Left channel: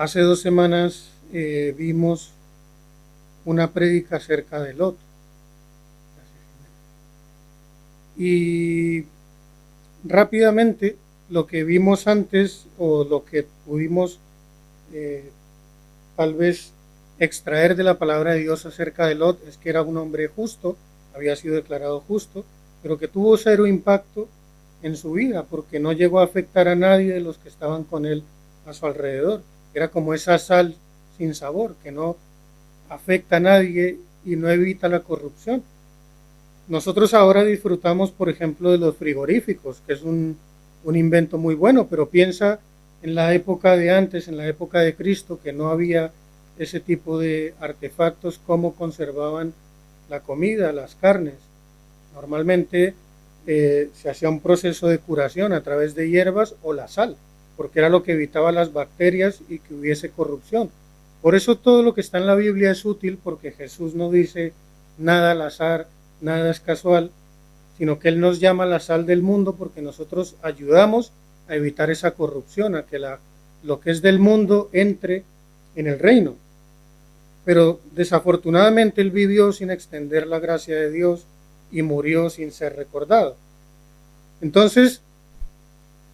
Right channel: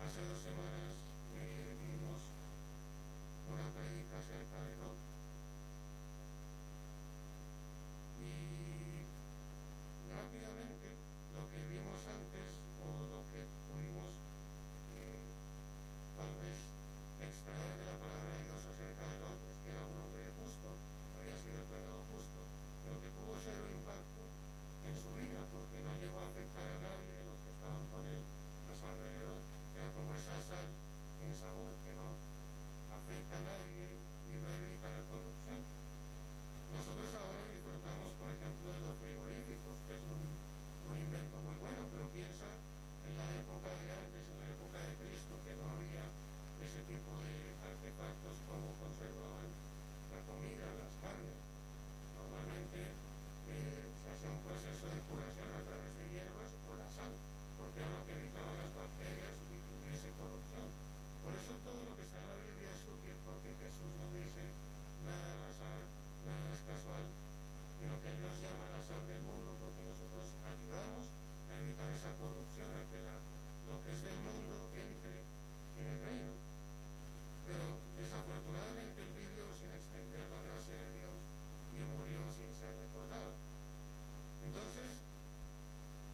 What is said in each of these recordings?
Hace 2 semanas vimos una prédica acerca de Lot. Y rápidamente lo que vimos antes o lo que pudimos eh, tal vez extraer de la palabra de Dios acerca de Lot es que era un hombre justo, había sido declarado justo, pero que tuvo cero impacto en su vida porque no llegó a afectar a nadie de los que estaban con él a su alrededor. Era como esa sal sin sabor que no afecta a nadie y no evita la corrupción. Nosotros ahora disfrutamos, por ejemplo, de los frigoríficos, que es un invento muy bueno, pero piensa en la época de antes, en la época de Cristo, que no había ese tipo de artefactos, cómo conservaban la comida, las carnes. Normalmente se hacía un proceso de curación a través de hierbas o la sal, porque era lo que evitaba las bacterias y que hubiese corrupción. Por eso todo lo que está en la Biblia es útil, porque Jesús no dice nada al azar, nada es casual, sino que Él nos llama la sal del mundo porque nosotros ayudamos a evitar esa corrupción, a que lo que es del mundo entre en el reino. Pero desafortunadamente Él vivió sin extender la gracia de Dios y murió sin ser recordado. Entonces,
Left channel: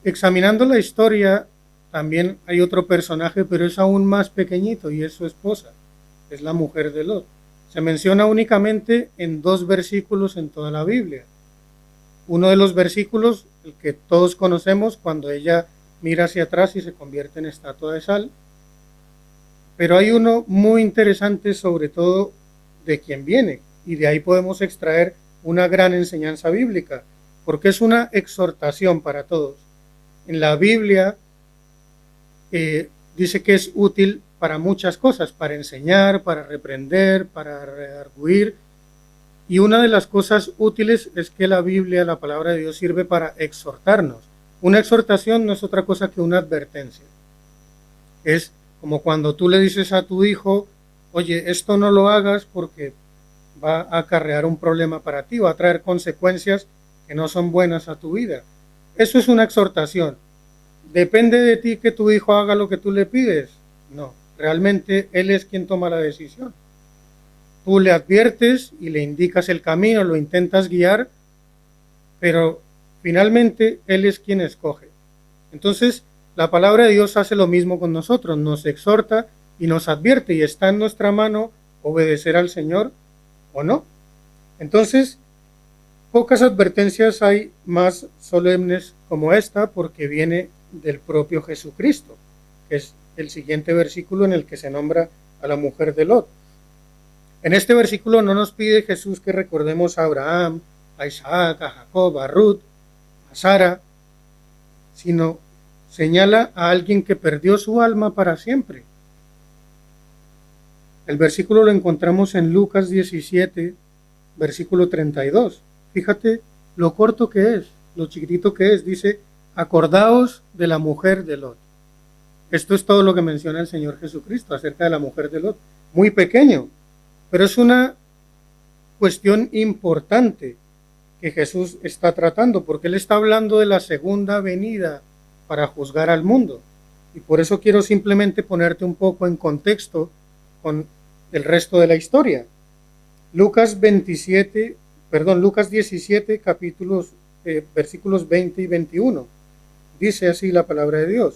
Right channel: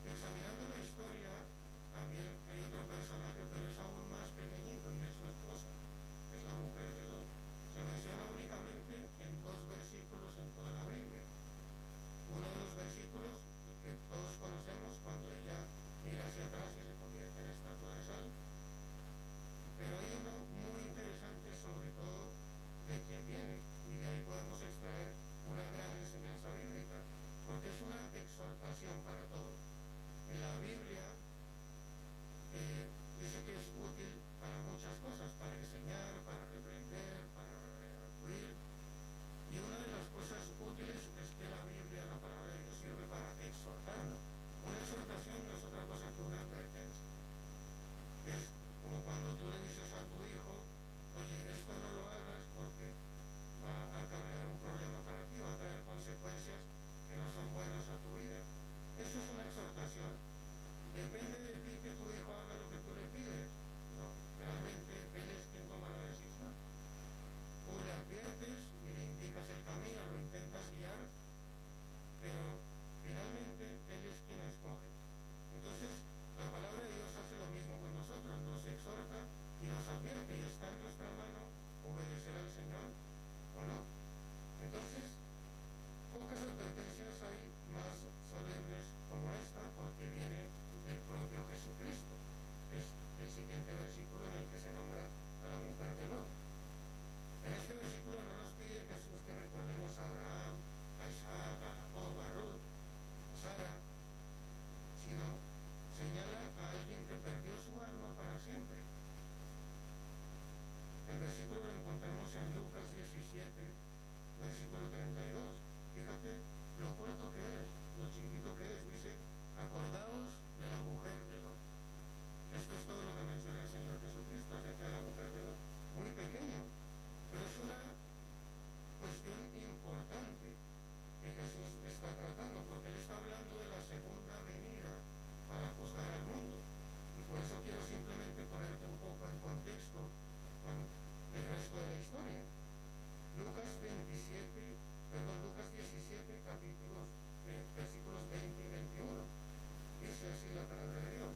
examinando la historia, también hay otro personaje, pero es aún más pequeñito y es su esposa, es la mujer de Lot. Se menciona únicamente en 2 versículos en toda la Biblia. Uno de los versículos, el que todos conocemos, cuando ella mira hacia atrás y se convierte en estatua de sal. Pero hay uno muy interesante, sobre todo de quien viene, y de ahí podemos extraer una gran enseñanza bíblica, porque es una exhortación para todos. En la Biblia dice que es útil para muchas cosas, para enseñar, para reprender, para redarguir. Y una de las cosas útiles es que la Biblia, la palabra de Dios, sirve para exhortarnos. Una exhortación no es otra cosa que una advertencia. Es como cuando tú le dices a tu hijo, oye, esto no lo hagas porque va a acarrear un problema para ti, va a traer consecuencias que no son buenas a tu vida. Eso es una exhortación. ¿Depende de ti que tu hijo haga lo que tú le pides? No, realmente él es quien toma la decisión. Tú le adviertes y le indicas el camino, lo intentas guiar, pero finalmente él es quien escoge. Entonces, la palabra de Dios hace lo mismo con nosotros, nos exhorta y nos advierte, y está en nuestra mano obedecer al Señor o no. Entonces, pocas advertencias hay más solemnes como esta, porque viene del propio Jesucristo. Es el siguiente versículo en el que se nombra a la mujer de Lot. En este versículo no nos pide Jesús que recordemos a Abraham, a Isaac, a Jacob, a Ruth, a Sara, sino señala a alguien que perdió su alma para siempre. El versículo lo encontramos en Lucas 17, versículo 32. Fíjate lo corto que es, lo chiquitito que es. Dice, acordaos de la mujer de Lot. Esto es todo lo que menciona el Señor Jesucristo acerca de la mujer de Lot. Muy pequeño, pero es una cuestión importante que Jesús está tratando, porque Él está hablando de la segunda venida para juzgar al mundo. Y por eso quiero simplemente ponerte un poco en contexto con el resto de la historia. Lucas 17, versículos 20 y 21. Dice así la palabra de Dios.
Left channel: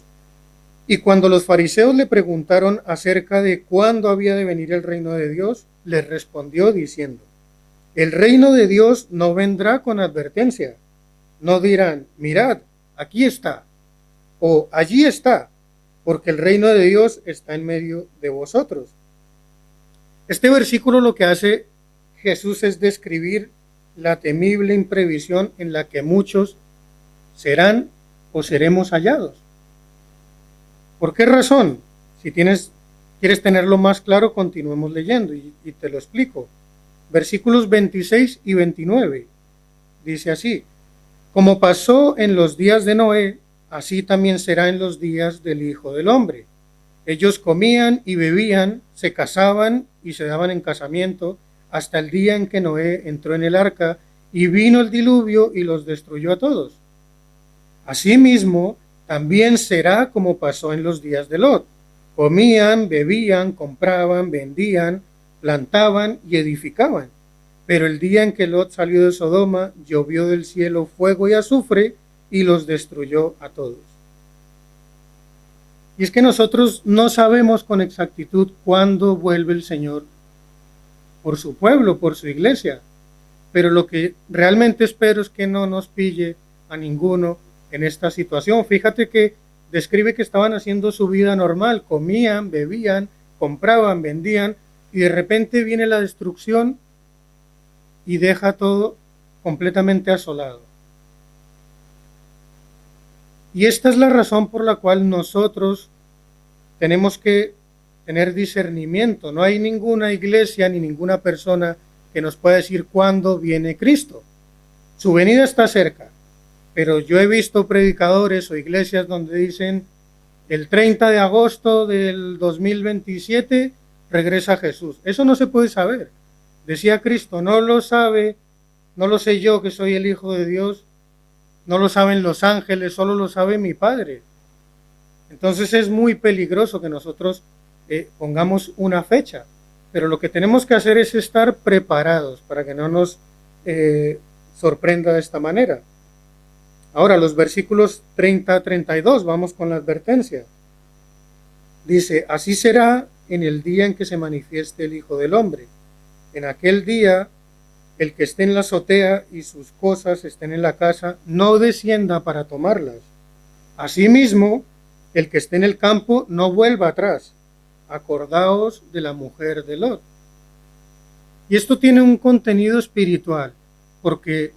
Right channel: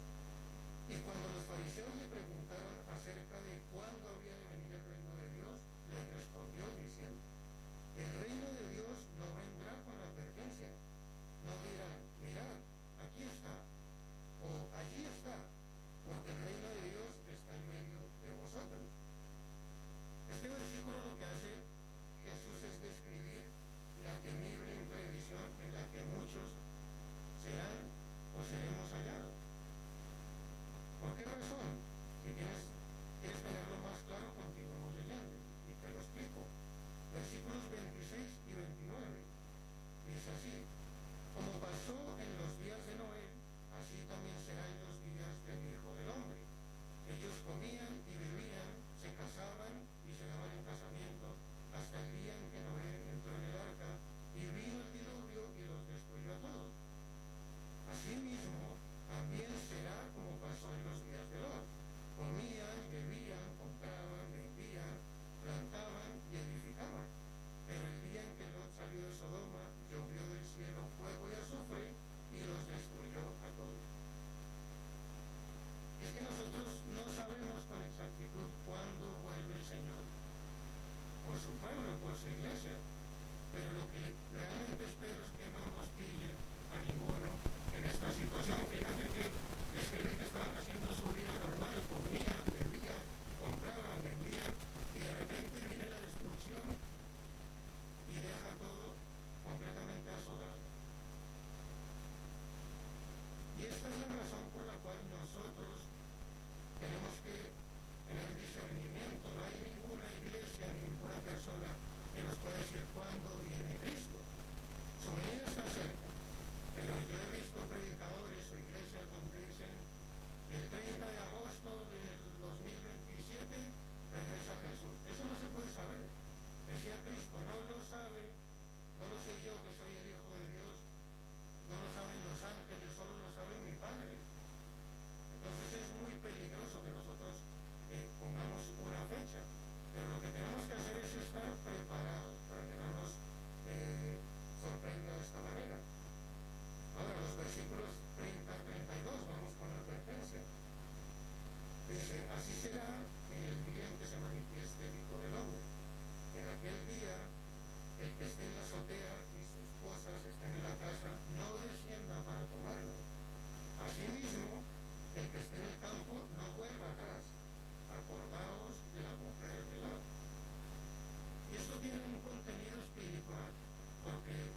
Y cuando los fariseos le preguntaron acerca de cuándo había de venir el reino de Dios, les respondió diciendo, el reino de Dios no vendrá con advertencia. No dirán, mirad, aquí está, o allí está, porque el reino de Dios está en medio de vosotros. Este versículo lo que hace Jesús es describir la temible imprevisión en la que muchos serán o seremos hallados. ¿Por qué razón? Si quieres tenerlo más claro, continuemos leyendo y te lo explico. Versículos 26 y 29. Dice así, como pasó en los días de Noé, así también será en los días del Hijo del Hombre. Ellos comían y bebían, se casaban y se daban en casamiento, hasta el día en que Noé entró en el arca y vino el diluvio y los destruyó a todos. Asimismo, también será como pasó en los días de Lot. Comían, bebían, compraban, vendían, plantaban y edificaban. Pero el día en que Lot salió de Sodoma, llovió del cielo fuego y azufre y los destruyó a todos. Y es que nosotros no sabemos con exactitud cuándo vuelve el Señor por su pueblo, por su iglesia. Pero lo que realmente espero es que no nos pille a ninguno en esta situación. Fíjate que describe que estaban haciendo su vida normal, comían, bebían, compraban, vendían, y de repente viene la destrucción y deja todo completamente asolado. Y esta es la razón por la cual nosotros tenemos que tener discernimiento. No hay ninguna iglesia ni ninguna persona que nos pueda decir cuándo viene Cristo. Su venida está cerca, pero yo he visto predicadores o iglesias donde dicen el 30 de agosto del 2027 regresa Jesús. Eso no se puede saber. Decía Cristo, no lo sabe, no lo sé yo que soy el Hijo de Dios, no lo saben los ángeles, solo lo sabe mi Padre. Entonces es muy peligroso que nosotros pongamos una fecha, pero lo que tenemos que hacer es estar preparados para que no nos sorprenda de esta manera. Ahora, los versículos 30 a 32, vamos con la advertencia. Dice, así será en el día en que se manifieste el Hijo del Hombre. En aquel día, el que esté en la azotea y sus cosas estén en la casa, no descienda para tomarlas. Asimismo, el que esté en el campo, no vuelva atrás. Acordaos de la mujer de Lot. Y esto tiene un contenido espiritual, porque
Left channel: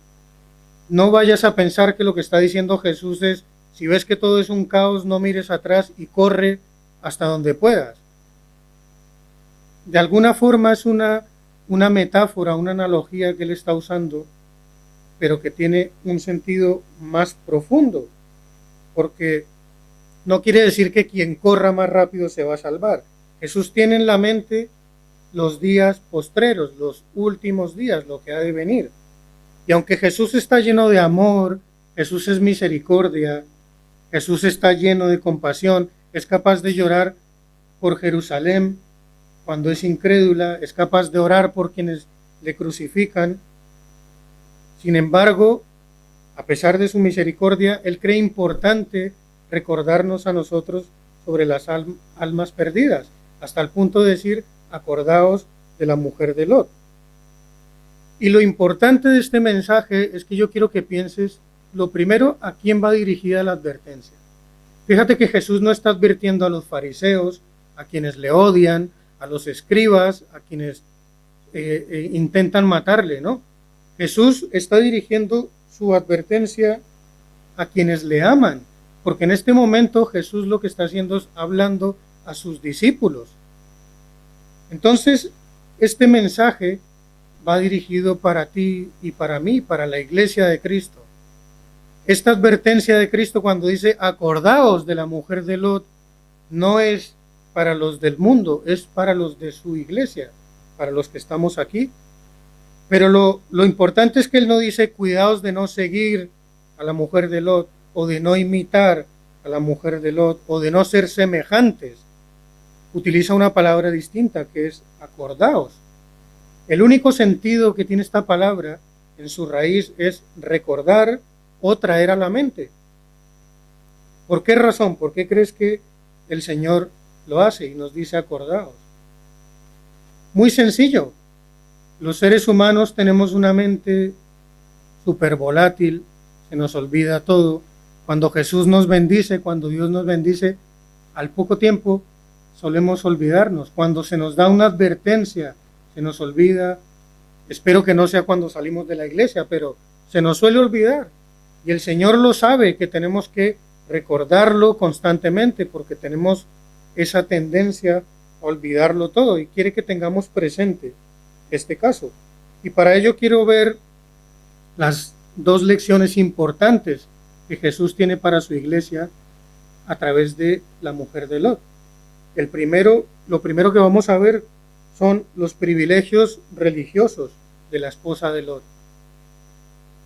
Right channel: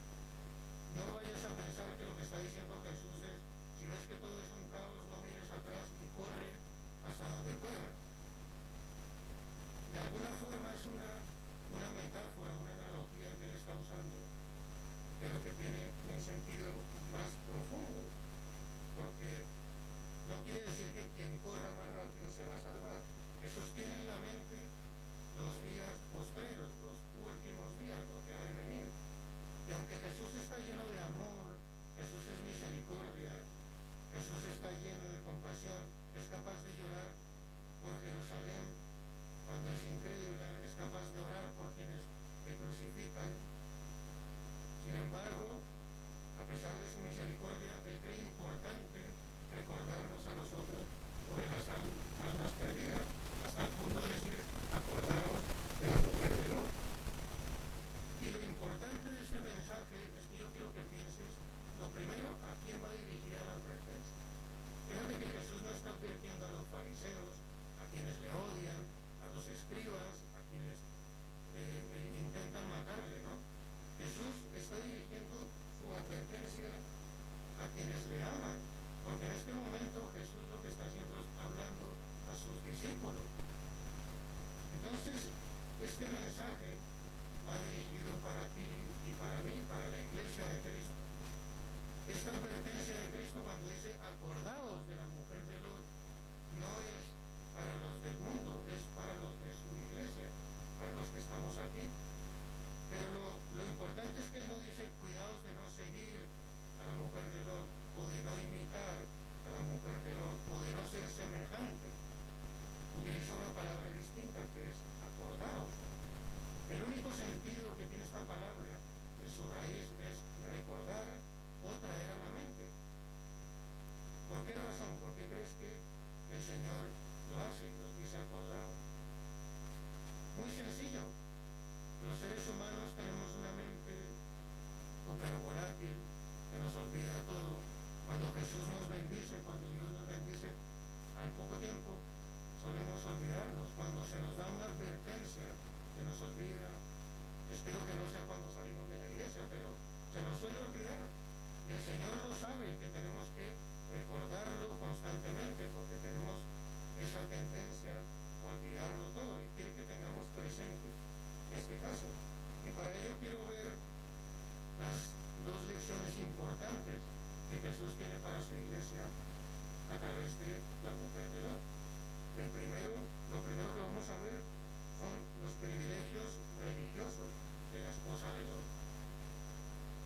no vayas a pensar que lo que está diciendo Jesús es, si ves que todo es un caos, no mires atrás y corre hasta donde puedas. De alguna forma es una metáfora, una analogía que él está usando, pero que tiene un sentido más profundo, porque no quiere decir que quien corra más rápido se va a salvar. Jesús tiene en la mente los días postreros, los últimos días, lo que ha de venir. Y aunque Jesús está lleno de amor, Jesús es misericordia, Jesús está lleno de compasión, es capaz de llorar por Jerusalén cuando es incrédula, es capaz de orar por quienes le crucifican. Sin embargo, a pesar de su misericordia, Él cree importante recordarnos a nosotros sobre las almas perdidas, hasta el punto de decir, acordaos de la mujer de Lot. Y lo importante de este mensaje es que yo quiero que pienses, lo primero, a quién va dirigida la advertencia. Fíjate que Jesús no está advirtiendo a los fariseos, a quienes le odian, a los escribas, a quienes intentan matarle, ¿no? Jesús está dirigiendo su advertencia a quienes le aman, porque en este momento Jesús lo que está haciendo es hablando a sus discípulos. Entonces, este mensaje va dirigido para ti y para mí, para la iglesia de Cristo. Esta advertencia de Cristo cuando dice, acordaos de la mujer de Lot, no es para los del mundo, es para los de su iglesia, para los que estamos aquí. Pero lo importante es que él no dice, cuidaos de no seguir a la mujer de Lot, o de no imitar a la mujer de Lot, o de no ser semejantes. Utiliza una palabra distinta, que es acordaos. El único sentido que tiene esta palabra en su raíz es recordar o traer a la mente. ¿Por qué razón? ¿Por qué crees que el Señor lo hace y nos dice acordaos? Muy sencillo. Los seres humanos tenemos una mente súper volátil, que nos olvida todo. Cuando Jesús nos bendice, cuando Dios nos bendice, al poco tiempo solemos olvidarnos. Cuando se nos da una advertencia, se nos olvida. Espero que no sea cuando salimos de la iglesia, pero se nos suele olvidar. Y el Señor lo sabe, que tenemos que recordarlo constantemente, porque tenemos esa tendencia a olvidarlo todo y quiere que tengamos presente este caso. Y para ello quiero ver las dos lecciones importantes que Jesús tiene para su iglesia a través de la mujer de Lot. Lo primero que vamos a ver son los privilegios religiosos de la esposa de Lot.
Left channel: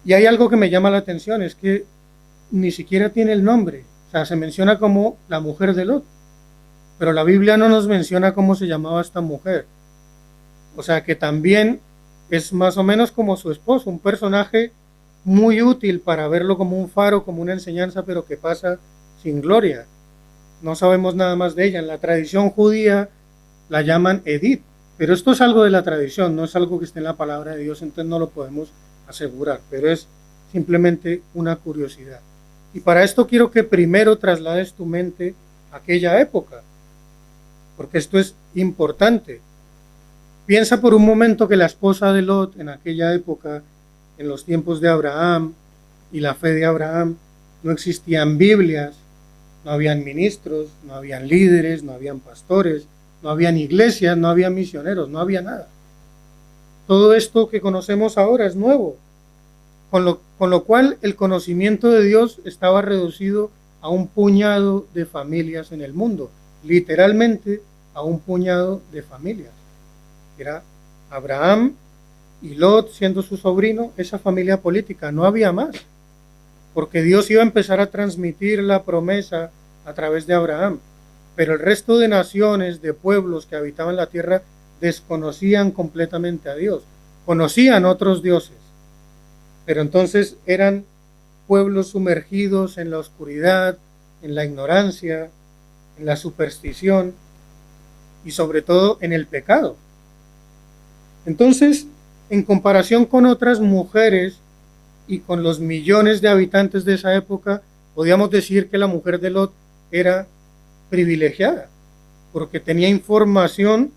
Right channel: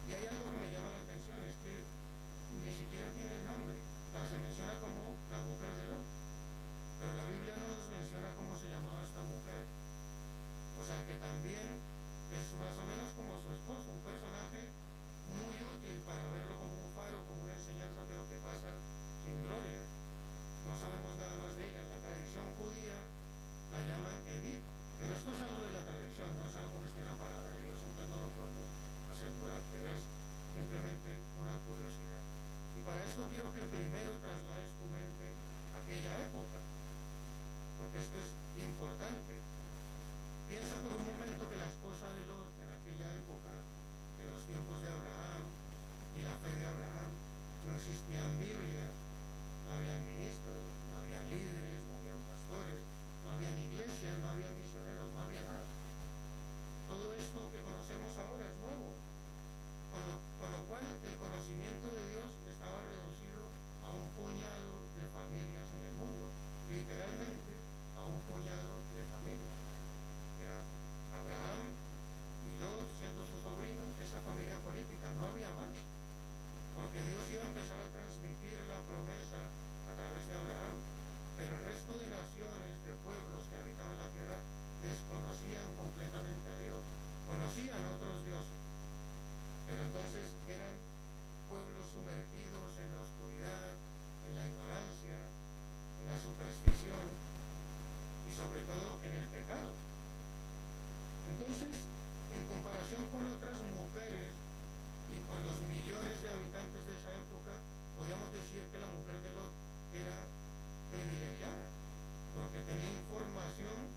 Y hay algo que me llama la atención, es que ni siquiera tiene el nombre, o sea, se menciona como la mujer de Lot. pero la Biblia no nos menciona cómo se llamaba esta mujer. O sea que también es más o menos como su esposo, un personaje muy útil para verlo como un faro, como una enseñanza, pero que pasa sin gloria. No sabemos nada más de ella. En la tradición judía la llaman Edith, pero esto es algo de la tradición, no es algo que esté en la palabra de Dios, entonces no lo podemos asegurar, pero es simplemente una curiosidad. Y para esto quiero que primero traslades tu mente a aquella época, porque esto es importante. Piensa por un momento que la esposa de Lot en aquella época, en los tiempos de Abraham y la fe de Abraham, no existían Biblias, no habían ministros, no habían líderes, no habían pastores, no habían iglesias, no había misioneros, no había nada. Todo esto que conocemos ahora es nuevo, con lo cual el conocimiento de Dios estaba reducido a un puñado de familias en el mundo, literalmente a un puñado de familias. Era Abraham y Lot siendo su sobrino, esa familia política, no había más, porque Dios iba a empezar a transmitir la promesa a través de Abraham, pero el resto de naciones, de pueblos que habitaban la tierra, desconocían completamente a Dios, conocían otros dioses, pero entonces eran pueblos sumergidos en la oscuridad, en la ignorancia, en la superstición y sobre todo en el pecado. Entonces, en comparación con otras mujeres y con los millones de habitantes de esa época, podíamos decir que la mujer de Lot era privilegiada, porque tenía información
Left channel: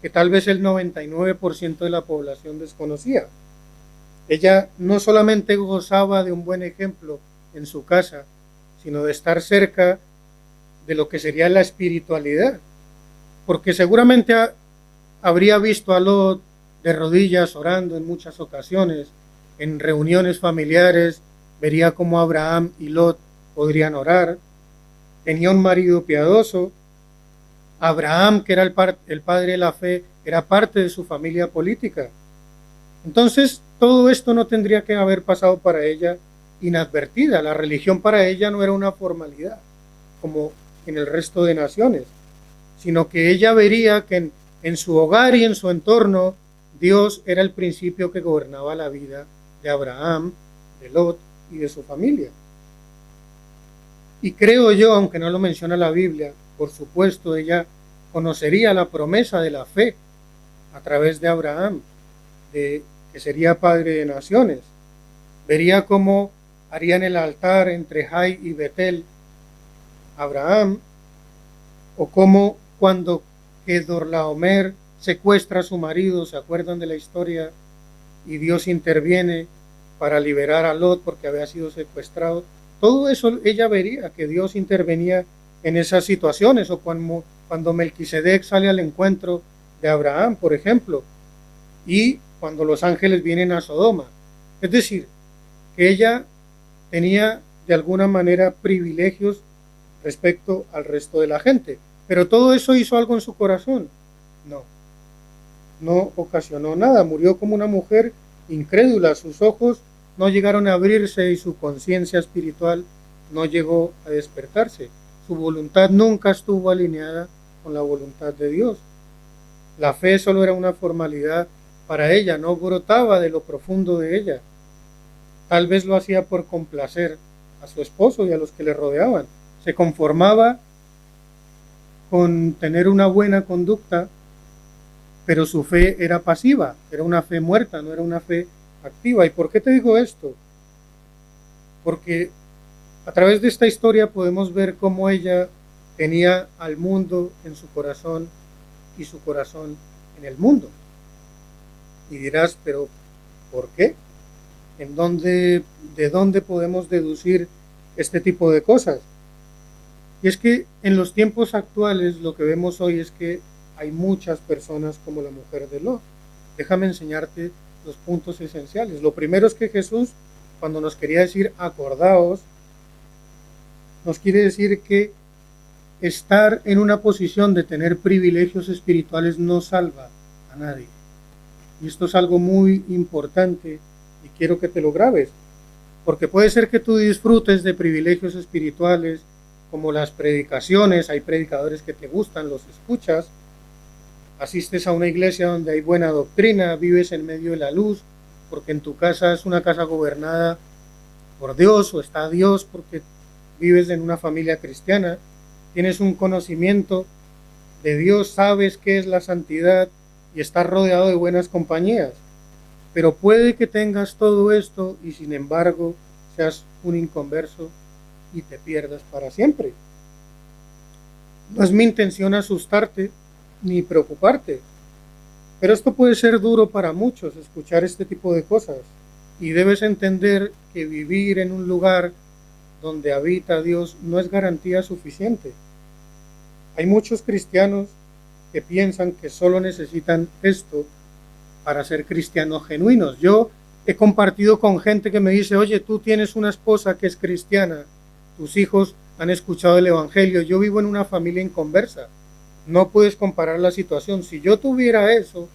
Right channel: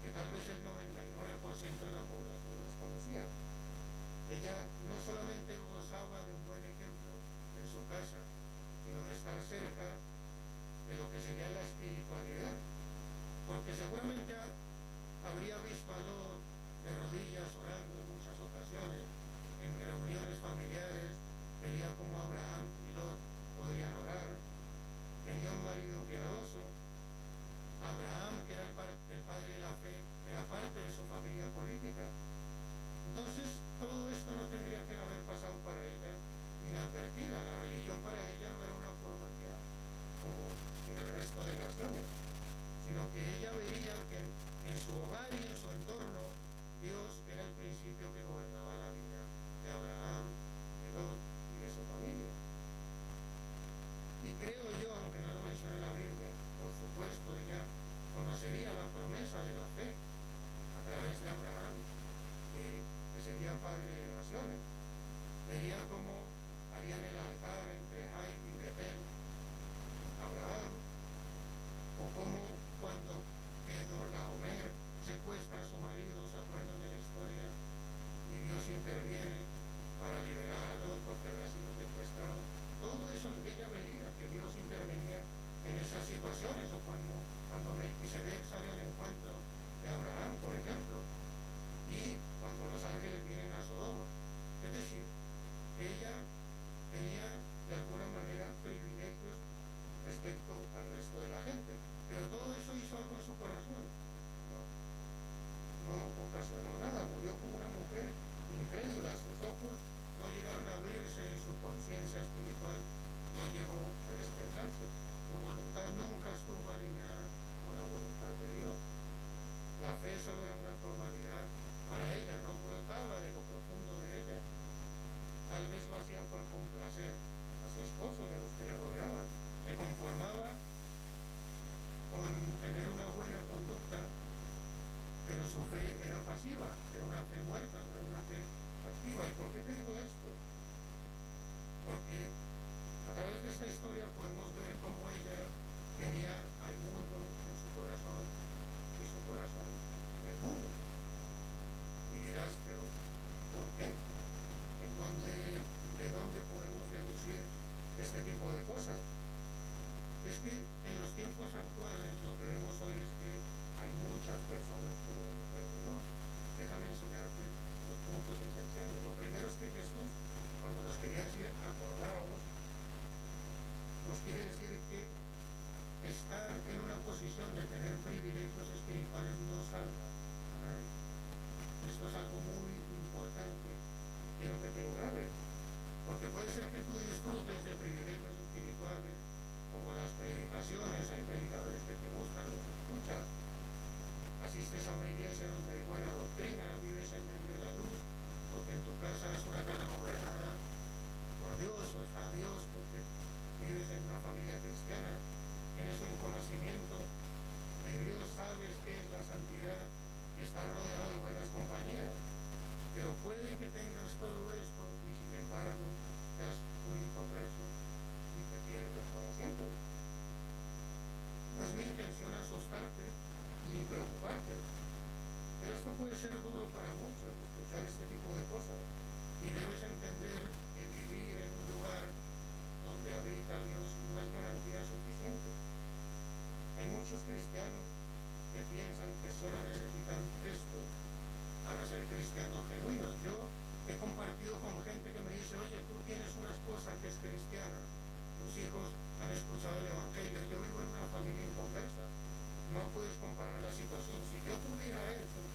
que tal vez el 99% de la población desconocía. Ella no solamente gozaba de un buen ejemplo en su casa, sino de estar cerca de lo que sería la espiritualidad, porque seguramente habría visto a Lot de rodillas orando en muchas ocasiones, en reuniones familiares, vería cómo Abraham y Lot podrían orar, tenía un marido piadoso, Abraham, que era el padre de la fe, era parte de su familia política. Entonces, todo esto no tendría que haber pasado para ella inadvertida. La religión para ella no era una formalidad, como en el resto de naciones, sino que ella vería que en su hogar y en su entorno, Dios era el principio que gobernaba la vida de Abraham, de Lot y de su familia. Y creo yo, aunque no lo menciona la Biblia, por supuesto ella conocería la promesa de la fe a través de Abraham, que sería padre de naciones. Vería cómo harían el altar entre Jai y Betel Abraham, o cómo cuando Kedorlaomer secuestra a su marido, ¿se acuerdan de la historia? Y Dios interviene para liberar a Lot porque había sido secuestrado. Todo eso ella vería, que Dios intervenía en esas situaciones, o cuando Melquisedec sale al encuentro de Abraham, por ejemplo, y cuando los ángeles vienen a Sodoma. Es decir, que ella tenía de alguna manera privilegios respecto al resto de la gente. Pero todo eso hizo algo en su corazón. No ocasionó nada. Murió como una mujer incrédula. Sus ojos no llegaron a abrirse y su conciencia espiritual no llegó a despertarse. Su voluntad nunca estuvo alineada con la voluntad de Dios. La fe solo era una formalidad para ella, no brotaba de lo profundo de ella. Tal vez lo hacía por complacer a su esposo y a los que le rodeaban. Se conformaba con tener una buena conducta, pero su fe era pasiva, era una fe muerta, no era una fe activa. ¿Y por qué te digo esto? Porque a través de esta historia podemos ver cómo ella tenía al mundo en su corazón y su corazón en el mundo. Y dirás, pero ¿por qué? ¿De dónde podemos deducir este tipo de cosas? Y es que en los tiempos actuales lo que vemos hoy es que hay muchas personas como la mujer de Lot. Déjame enseñarte los puntos esenciales. Lo primero es que Jesús, cuando nos quería decir acordaos, nos quiere decir que estar en una posición de tener privilegios espirituales no salva a nadie. Y esto es algo muy importante y quiero que te lo grabes, porque puede ser que tú disfrutes de privilegios espirituales como las predicaciones, hay predicadores que te gustan, los escuchas, asistes a una iglesia donde hay buena doctrina, vives en medio de la luz, porque en tu casa es una casa gobernada por Dios o está Dios, porque vives en una familia cristiana, tienes un conocimiento de Dios, sabes qué es la santidad y estás rodeado de buenas compañías. Pero puede que tengas todo esto y sin embargo seas un inconverso y te pierdas para siempre. No es mi intención asustarte ni preocuparte, pero esto puede ser duro para muchos, escuchar este tipo de cosas. Y debes entender que vivir en un lugar donde habita Dios no es garantía suficiente. Hay muchos cristianos que piensan que solo necesitan esto para ser cristianos genuinos. Yo he compartido con gente que me dice, oye, tú tienes una esposa que es cristiana, tus hijos han escuchado el evangelio, yo vivo en una familia inconversa, no puedes comparar la situación. Si yo tuviera eso,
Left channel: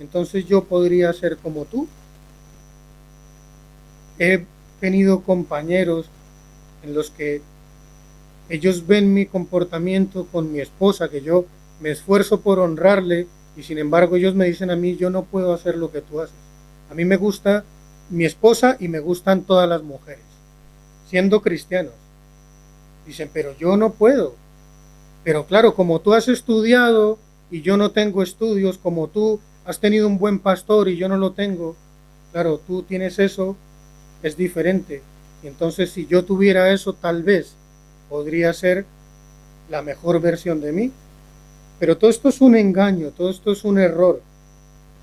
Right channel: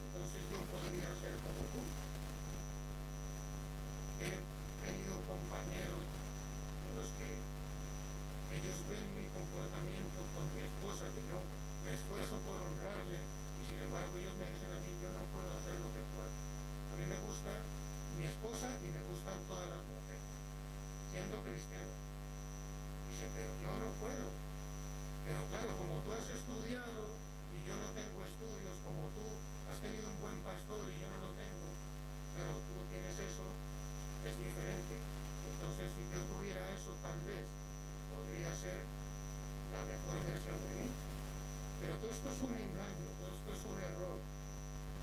entonces yo podría ser como tú. He tenido compañeros en los que ellos ven mi comportamiento con mi esposa, que yo me esfuerzo por honrarle, y sin embargo ellos me dicen a mí, yo no puedo hacer lo que tú haces. A mí me gusta mi esposa y me gustan todas las mujeres, siendo cristianos. Dicen, pero yo no puedo. Pero claro, como tú has estudiado y yo no tengo estudios, como tú has tenido un buen pastor y yo no lo tengo, claro, tú tienes eso, es diferente. Entonces, si yo tuviera eso, tal vez podría ser la mejor versión de mí. Pero todo esto es un engaño, todo esto es un error,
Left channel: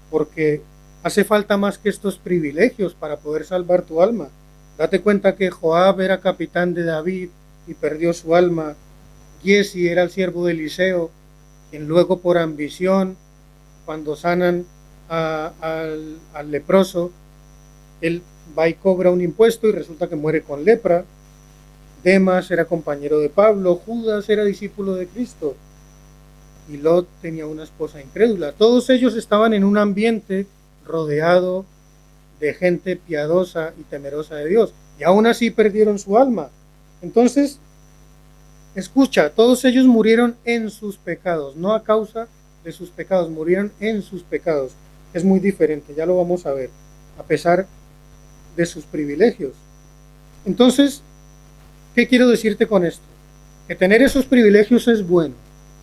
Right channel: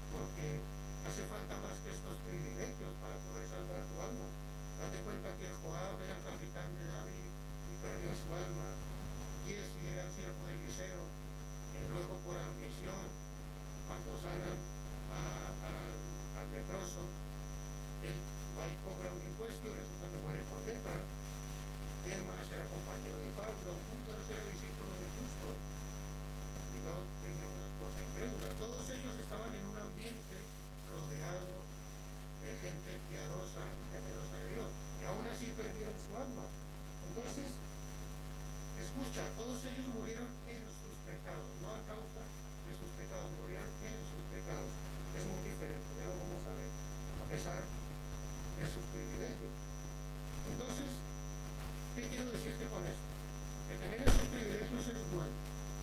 porque hace falta más que estos privilegios para poder salvar tu alma. Date cuenta que Joab era capitán de David y perdió su alma. Giezi era el siervo de Eliseo, quien luego por ambición, cuando sanan al leproso, él va y cobra un impuesto y resulta que muere con lepra. Demas era compañero de Pablo, Judas era discípulo de Cristo y Lot tenía una esposa incrédula. Todos ellos estaban en un ambiente rodeado de gente piadosa y temerosa de Dios, y aún así perdieron su alma. Entonces, escucha, todos ellos murieron en sus pecados, no a causa de sus pecados, murieron en sus pecados. Es muy diferente, ya lo vamos a ver, a pesar de sus privilegios. Entonces, ¿qué quiero decirte con esto? Que tener esos privilegios es bueno.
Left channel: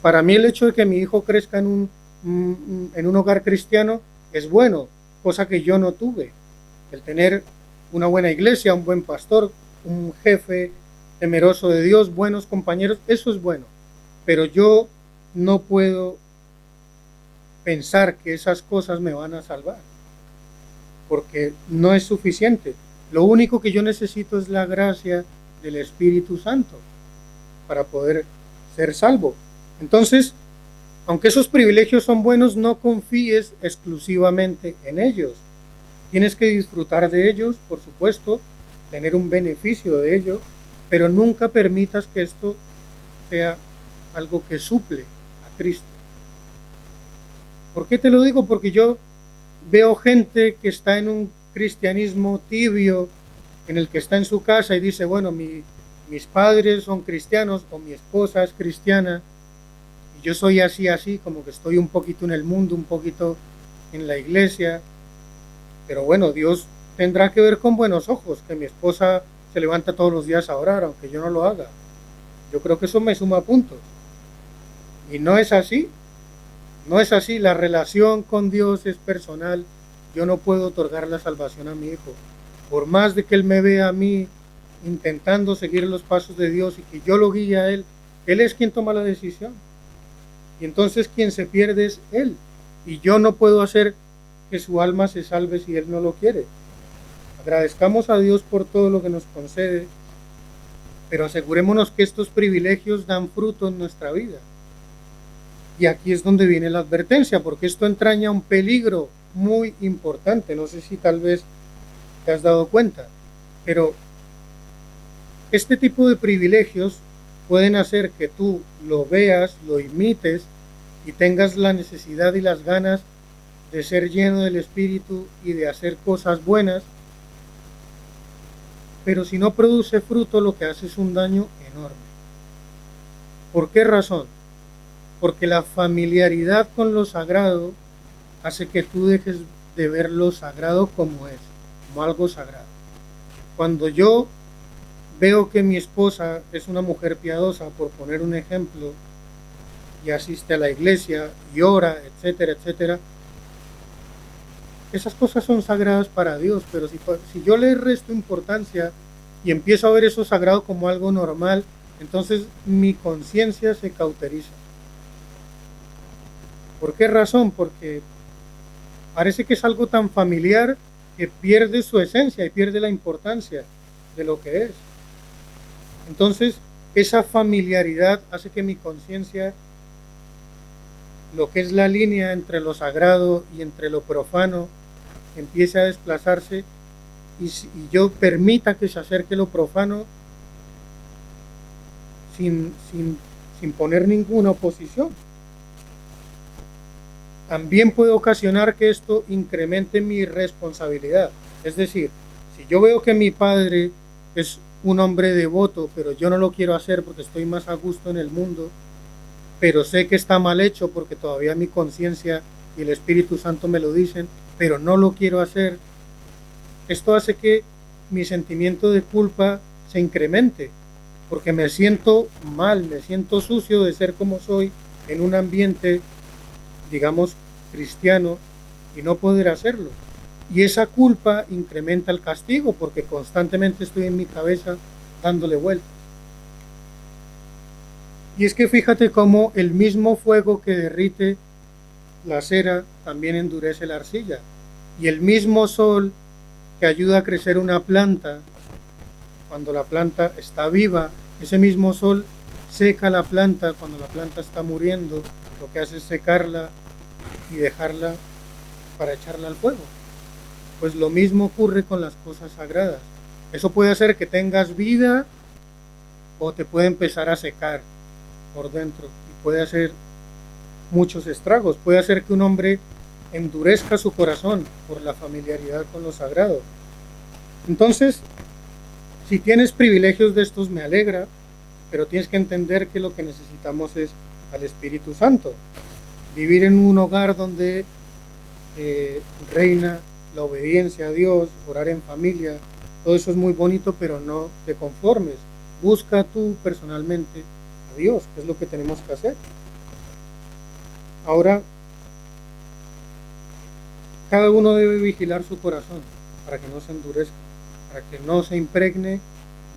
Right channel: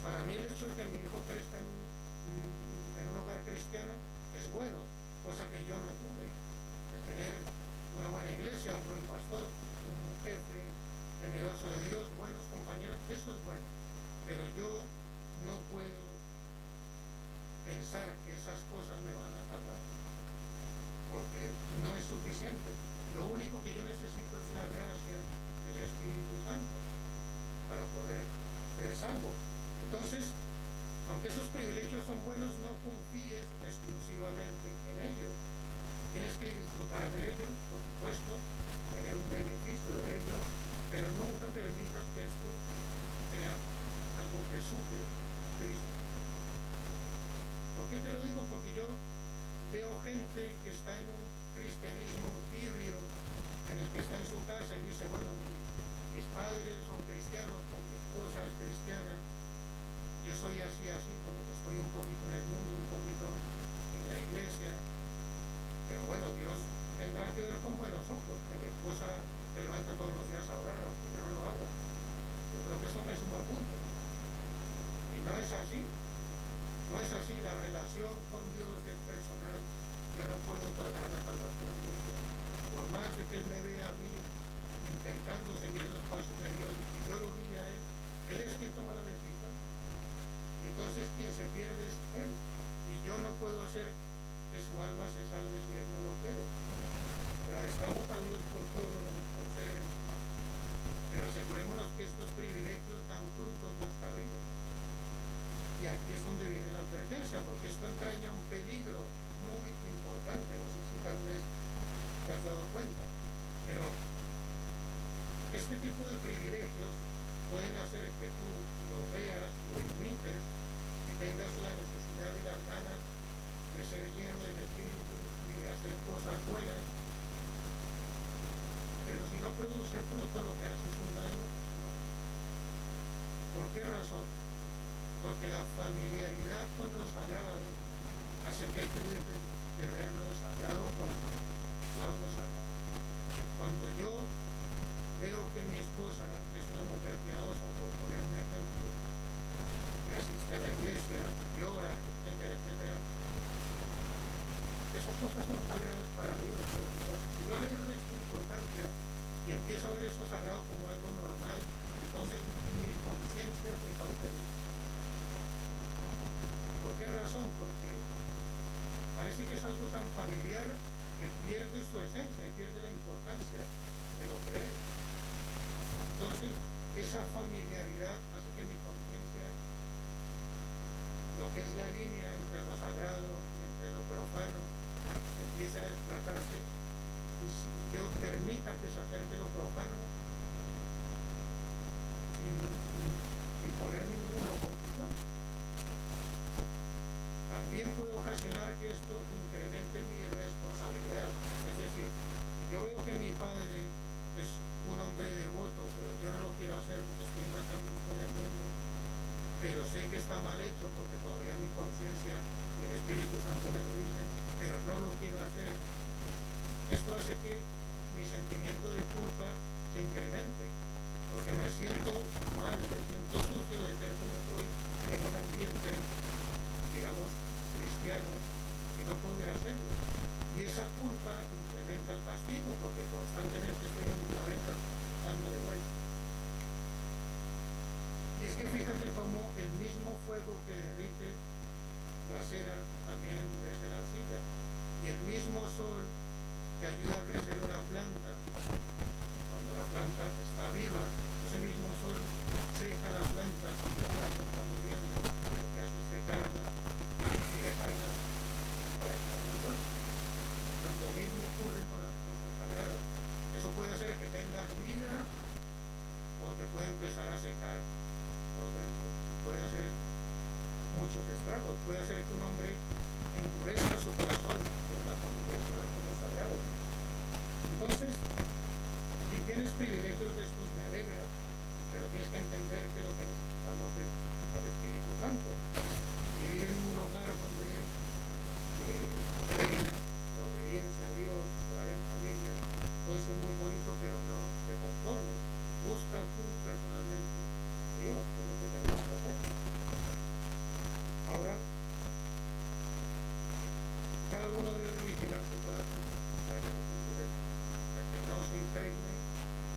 Para mí el hecho de que mi hijo crezca en un hogar cristiano es bueno, cosa que yo no tuve. El tener una buena iglesia, un buen pastor, un jefe temeroso de Dios, buenos compañeros, eso es bueno. Pero yo no puedo pensar que esas cosas me van a salvar, porque no es suficiente. Lo único que yo necesito es la gracia del Espíritu Santo para poder ser salvo. Entonces, aunque esos privilegios son buenos, no confíes exclusivamente en ellos. Tienes que disfrutar de ellos, por supuesto, tener un beneficio de ellos, pero nunca permitas que esto sea algo que suple a Cristo. ¿Por qué te lo digo? Porque yo veo gente que está en un cristianismo tibio, en el que está en su casa y dice, bueno, mis padres son cristianos o mi esposa es cristiana, yo soy así, como que estoy un poquito en el mundo, un poquito en la iglesia, pero bueno, Dios tendrá que ver con buenos ojos, que mi esposa se levanta todos los días a orar, aunque yo no lo haga. Yo creo que eso me suma puntos. Y no es así, no es así, la relación con Dios es personal, yo no puedo otorgar la salvación a mi hijo. Por más de que él me vea a mí intentando seguir los pasos de Dios y que yo lo guíe a él es quien toma la decisión. Y entonces quien se pierde es él. Y yo no puedo hacer que su alma se salve si él no lo quiere. Agradezcamos a Dios por todo lo que nos concede, pero asegurémonos que estos privilegios dan fruto en nuestra vida. Y aquí es donde viene la advertencia, porque esto entraña un peligro muy importante. No sé si tal vez te has dado cuenta, pero este tipo de privilegios pueden hacer que tú lo veas, lo imites y tengas la necesidad y las ganas de ser lleno del Espíritu y de hacer cosas buenas, pero si no produce fruto, lo que hace es un daño enorme. ¿Por qué razón? Porque la familiaridad con lo sagrado hace que tú dejes de ver lo sagrado como es, como algo sagrado. Cuando yo veo que mi esposa es una mujer piadosa, por poner un ejemplo, y asiste a la iglesia, y ora, etcétera, etcétera, esas cosas son sagradas para Dios, pero si yo le resto importancia y empiezo a ver eso sagrado como algo normal, entonces mi conciencia se cauteriza. ¿Por qué razón? Porque parece que es algo tan familiar que pierde su esencia y pierde la importancia de lo que es. Entonces, esa familiaridad hace que mi conciencia, lo que es la línea entre lo sagrado y entre lo profano, empiece a desplazarse y yo permita que se acerque lo profano sin poner ninguna oposición. También puede ocasionar que esto incremente mi responsabilidad. Es decir, si yo veo que mi padre es un hombre devoto, pero yo no lo quiero hacer porque estoy más a gusto en el mundo, pero sé que está mal hecho porque todavía mi conciencia y el Espíritu Santo me lo dicen, pero no lo quiero hacer, esto hace que mi sentimiento de culpa se incremente, porque me siento mal, me siento sucio de ser como soy en un ambiente, digamos, cristiano, y no poder hacerlo. Y esa culpa incrementa el castigo, porque constantemente estoy en mi cabeza dándole vuelta. Y es que fíjate cómo el mismo fuego que derrite la cera también endurece la arcilla. Y el mismo sol que ayuda a crecer una planta, cuando la planta está viva, ese mismo sol seca la planta cuando la planta está muriendo, lo que hace es secarla y dejarla para echarla al fuego. Pues lo mismo ocurre con las cosas sagradas. Eso puede hacer que tengas vida o te puede empezar a secar por dentro. Puede hacer muchos estragos. Puede hacer que un hombre endurezca su corazón por la familiaridad con lo sagrado. Entonces, si tienes privilegios de estos, me alegra, pero tienes que entender que lo que necesitamos es al Espíritu Santo. Vivir en un hogar donde reina la obediencia a Dios, orar en familia, todo eso es muy bonito, pero no te conformes. Busca tú personalmente a Dios, que es lo que tenemos que hacer. Ahora, cada uno debe vigilar su corazón para que no se endurezca, para que no se impregne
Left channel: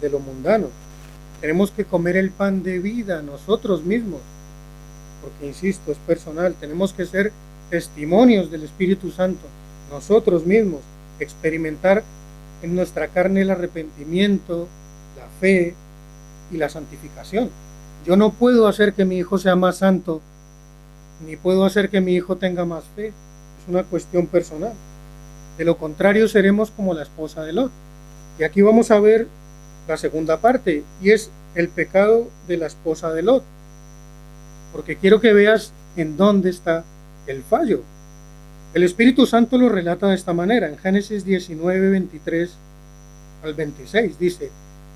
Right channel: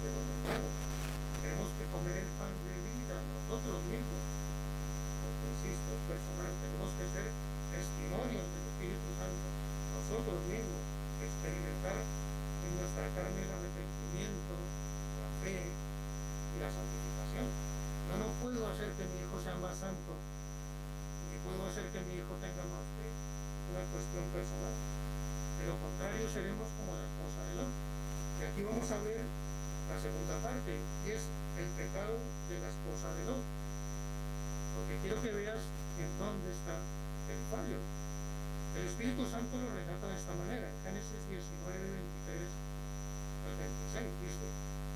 de lo mundano. Tenemos que comer el pan de vida nosotros mismos, porque insisto, es personal. Tenemos que ser testimonios del Espíritu Santo, nosotros mismos, experimentar en nuestra carne el arrepentimiento, la fe y la santificación. Yo no puedo hacer que mi hijo sea más santo, ni puedo hacer que mi hijo tenga más fe. Es una cuestión personal. De lo contrario, seremos como la esposa de Lot. Y aquí vamos a ver la segunda parte, y es el pecado de la esposa de Lot. Porque quiero que veas en dónde está el fallo. El Espíritu Santo lo relata de esta manera. En Génesis 19, 23 al 26 dice:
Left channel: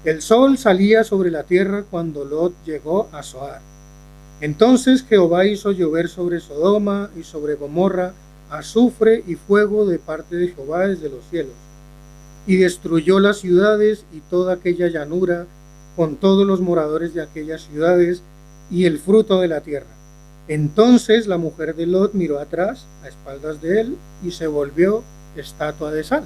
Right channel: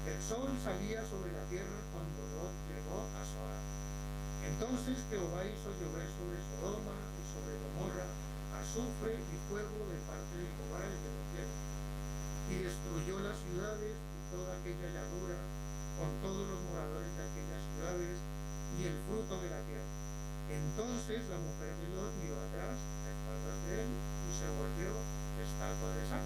el sol salía sobre la tierra cuando Lot llegó a Zoar. Entonces Jehová hizo llover sobre Sodoma y sobre Gomorra azufre y fuego de parte de Jehová desde los cielos, y destruyó las ciudades y toda aquella llanura con todos los moradores de aquellas ciudades y el fruto de la tierra. Entonces la mujer de Lot miró atrás a espaldas de él y se volvió estatua de sal.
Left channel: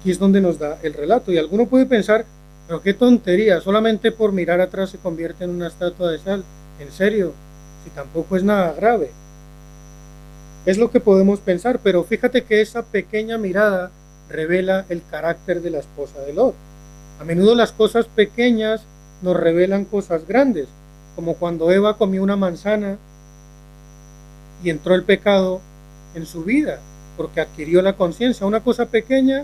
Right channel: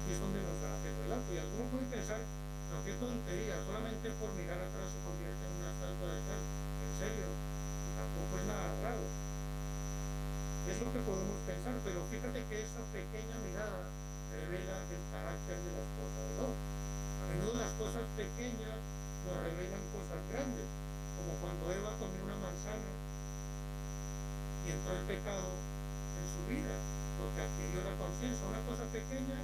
Aquí es donde nos da el relato, y alguno puede pensar, pero qué tontería, solamente por mirar atrás se convierte en una estatua de sal. En serio, y tampoco es nada grave. Es lo que podemos pensar, pero fíjate que esa pequeña mirada revela el carácter de la esposa de Lot. A menudo las cosas pequeñas nos revelan cosas grandes, como cuando Eva comió una manzana y entró el pecado en su vida, porque adquirió la conciencia. Una cosa pequeña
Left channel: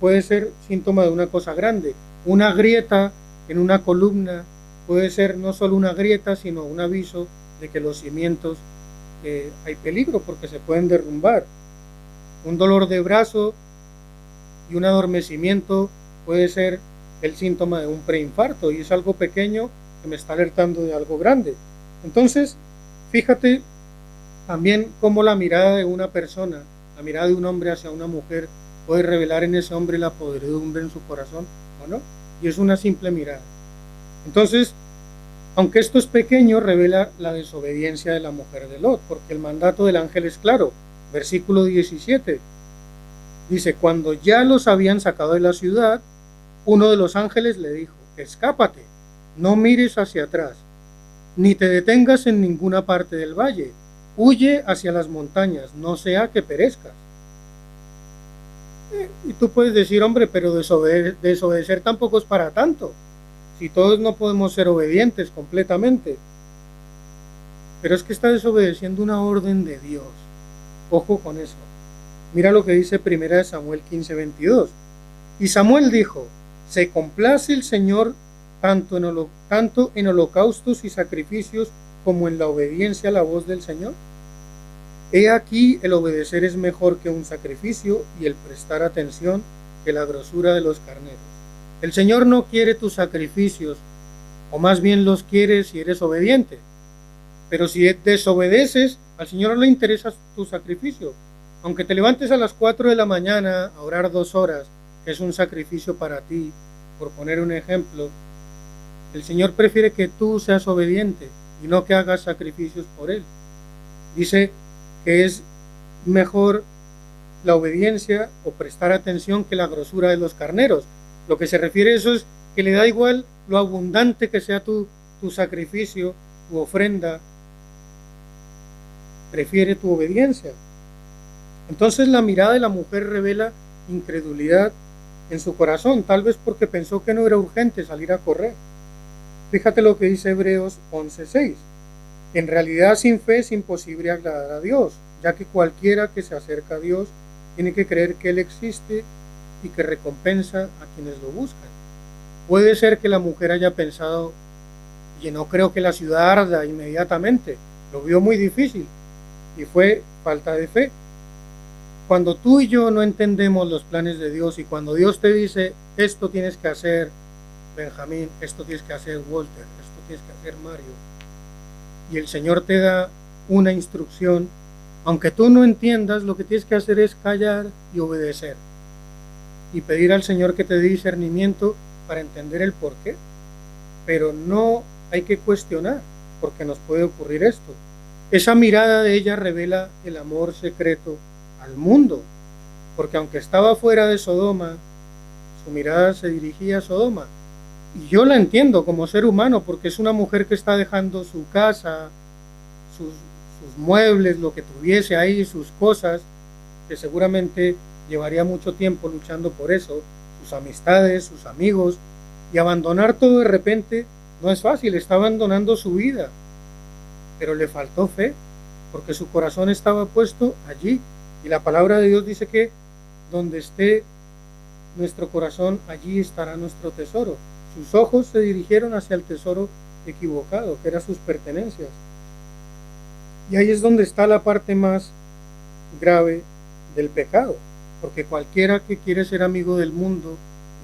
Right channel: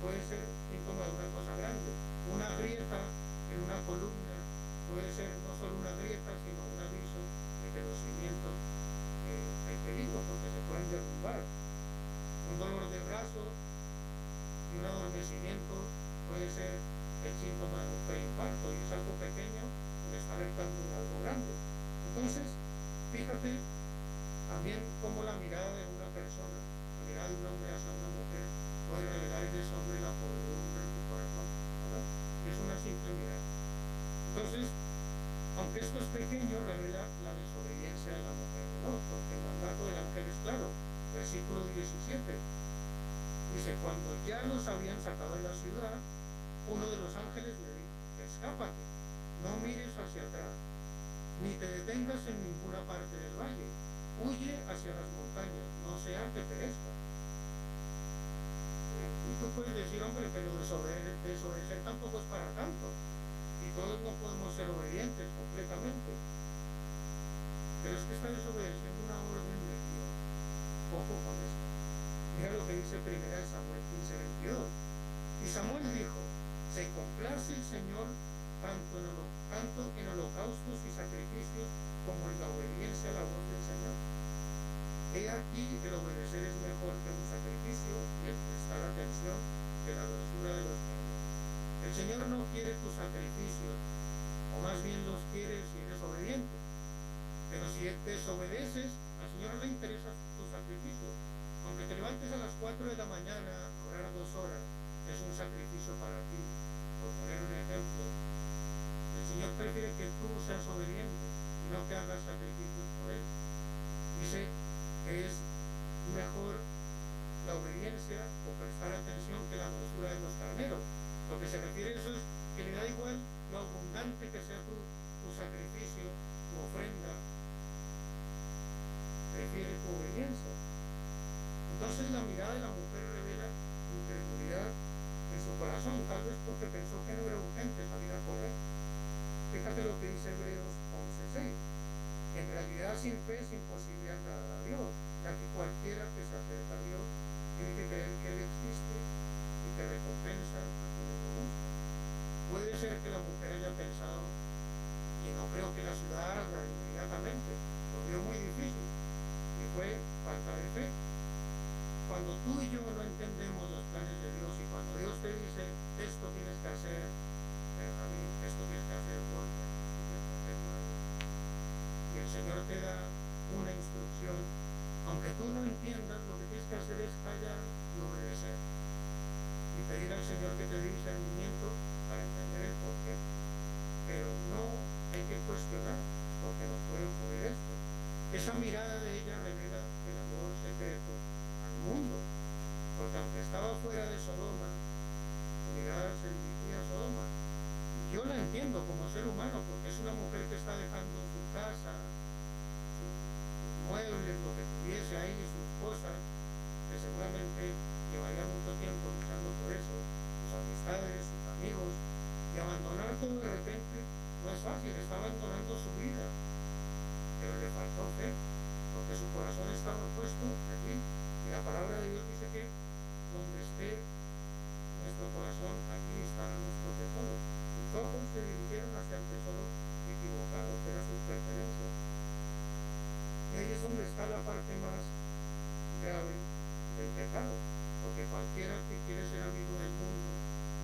puede ser síntoma de una cosa grande. Una grieta en una columna puede ser no solo una grieta, sino un aviso de que los cimientos hay peligro porque se pueden derrumbar. Un dolor de brazo y un adormecimiento puede ser el síntoma de un preinfarto, y es algo pequeño, que me está alertando de algo grande. Entonces, fíjate también cómo la mirada de una persona, la mirada de un hombre hacia una mujer, puede revelar en ese hombre la podredumbre en su corazón, ¿o no? Y es una simple mirada. Entonces, aunque esto es pequeño, revela la desobediencia de la mujer de Lot, porque el mandato del ángel es claro. Versículo 17 dice: cuando ya los habían sacado de la ciudad, uno de los ángeles le dijo: escápate, no mires hacia atrás, ni te detengas en ninguna parte del valle, huye hacia las montañas, no sea que perezca. Y tú puedes decir: hombre, pero desobedecer tampoco es para tanto, si todos no podemos ser obedientes completamente. Pero es que está desobedeciendo una orden de Dios. Ojo con eso. Mira lo que dice 1 Samuel 15:22. Y Samuel dijo: ¿se complace el Señor tanto en holocaustos y sacrificios como en la obediencia a la voz del Señor? He aquí, el obedecer es mejor que un sacrificio, y el prestar atención que la grosura de los carneros. El Señor no quiere tus sacrificios, o más bien los quiere si eres obediente. Pero si desobedeces, al Señor no le interesa tu sacrificio. Aunque te levantes a las 4 de la mañana a orar 2 horas, que es un sacrificio para ti, por poner un ejemplo, el Señor prefiere que tú seas obediente y no que hagas sacrificios por Él. Dice que es mejor la obediencia o prestar atención que la grosura de los carneros. Lo que se refiere a eso es que le da igual lo abundante que sea tu sacrificio, tu ofrenda, prefiere tu obediencia. Entonces la mirada de la mujer revela incredulidad en su corazón, tal vez porque pensó que no era urgente salir a correr. Fíjate lo que dice Hebreos 11:6. En realidad, sin fe es imposible agradar a Dios, ya que cualquiera que se acerca a Dios tiene que creer que Él existe y que recompensa a quienes lo buscan. Puede ser que la mujer haya pensado: y no creo que la ciudad arda inmediatamente, lo vio muy difícil, y fue falta de fe. Cuando tú y yo no entendemos los planes de Dios, y cuando Dios te dice: esto tienes que hacer, Benjamín, esto tienes que hacer, Walter, esto tienes que hacer, Mario, y el Señor te da una instrucción, aunque tú no entiendas, lo que tienes que hacer es callar y obedecer, y pedir al Señor que te dé discernimiento para entender el porqué. Pero no hay que cuestionar, porque nos puede ocurrir esto. Esa mirada de ella revela el amor secreto al mundo, porque aunque estaba fuera de Sodoma, su mirada se dirigía a Sodoma. Y yo la entiendo como ser humano, porque es una mujer que está dejando su casa, sus muebles, lo que tuviese ahí, sus cosas, que seguramente llevaría mucho tiempo luchando por eso, sus amistades, sus amigos, y abandonar todo de repente no es fácil. Está abandonando su vida, pero le faltó fe, porque su corazón estaba puesto allí, y la palabra de Dios dice que donde esté nuestro corazón, allí estará nuestro tesoro. Sus ojos se dirigieron hacia el tesoro equivocado, que eran sus pertenencias. Y ahí es donde está la parte más grave del pecado, porque cualquiera que quiere ser amigo del mundo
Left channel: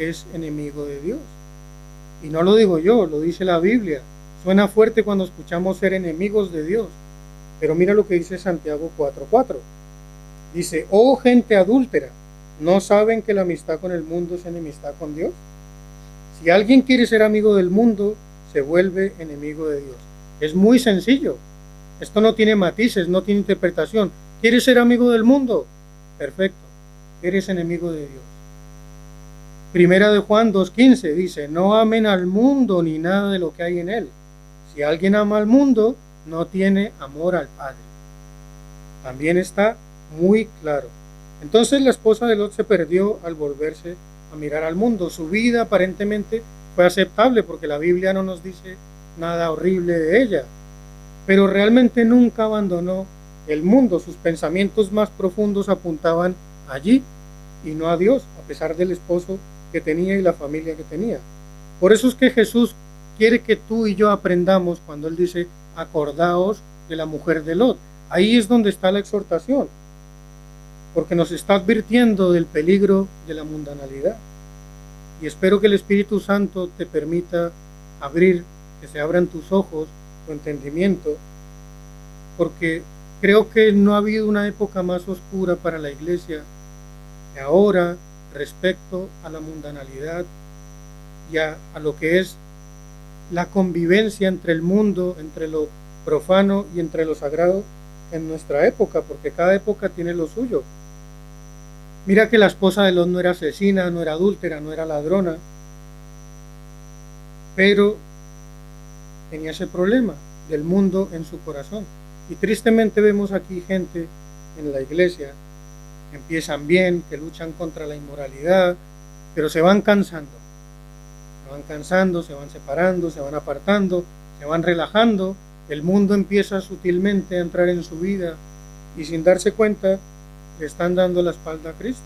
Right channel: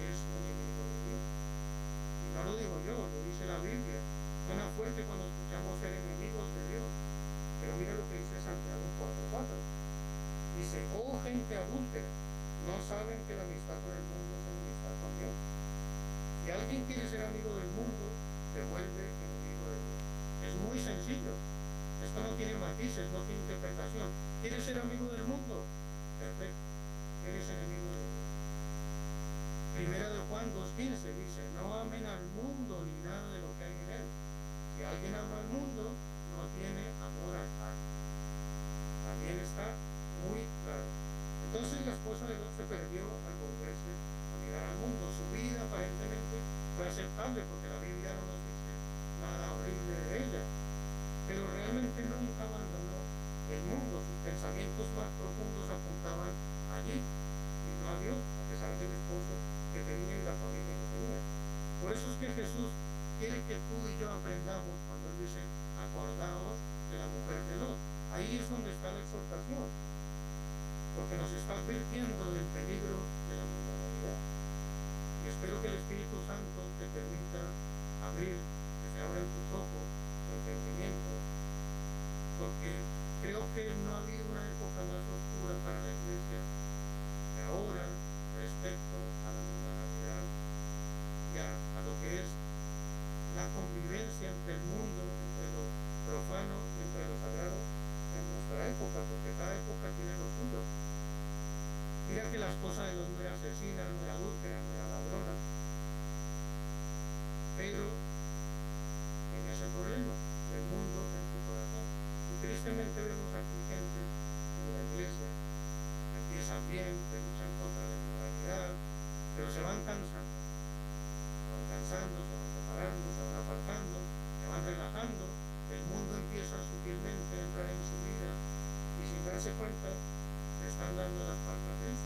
es enemigo de Dios. Y no lo digo yo, lo dice la Biblia. Suena fuerte cuando escuchamos ser enemigos de Dios, pero mira lo que dice Santiago 4:4. Dice: oh gente adúltera, ¿no saben que la amistad con el mundo es enemistad con Dios? Si alguien quiere ser amigo del mundo, se vuelve enemigo de Dios. Es muy sencillo. Esto no tiene matices, no tiene interpretación. ¿Quieres ser amigo del mundo? Perfecto. Eres enemigo de Dios. Primera de Juan 2:15 dice: no amen al mundo ni nada de lo que hay en él. Si alguien ama al mundo, no tiene amor al Padre. También está muy claro. Entonces la esposa de Lot se perdió al volverse a mirar al mundo. Su vida aparentemente fue aceptable, porque la Biblia no nos dice nada horrible de ella, pero realmente nunca abandonó el mundo. Sus pensamientos más profundos apuntaban allí y no a Dios, a pesar del esposo que tenía y la familia que tenía. Por eso es que Jesús quiere que tú y yo aprendamos cuando Él dice: acordaos de la mujer de Lot. Ahí es donde está la exhortación, porque nos está advirtiendo del peligro de la mundanalidad. Y espero que el Espíritu Santo te permita abrir se abran tus ojos, tu entendimiento, porque creo que no ha habido una época más oscura para la iglesia que ahora respecto a la mundanalidad y a lo que es la convivencia entre el mundo, entre lo profano y entre lo sagrado en nuestra época, porque cada época tiene lo suyo. Mira que la esposa de Lot no era asesina, no era adúltera, no era ladrona, pero tenía ese problema del mundo en su corazón. Y tristemente vemos aquí gente en la iglesia que empiezan bien, que luchan contra la inmoralidad, pero se van cansando, se van separando, se van apartando, se van relajando. El mundo empieza sutilmente a entrar en su vida y sin darse cuenta le están dando la espalda a Cristo.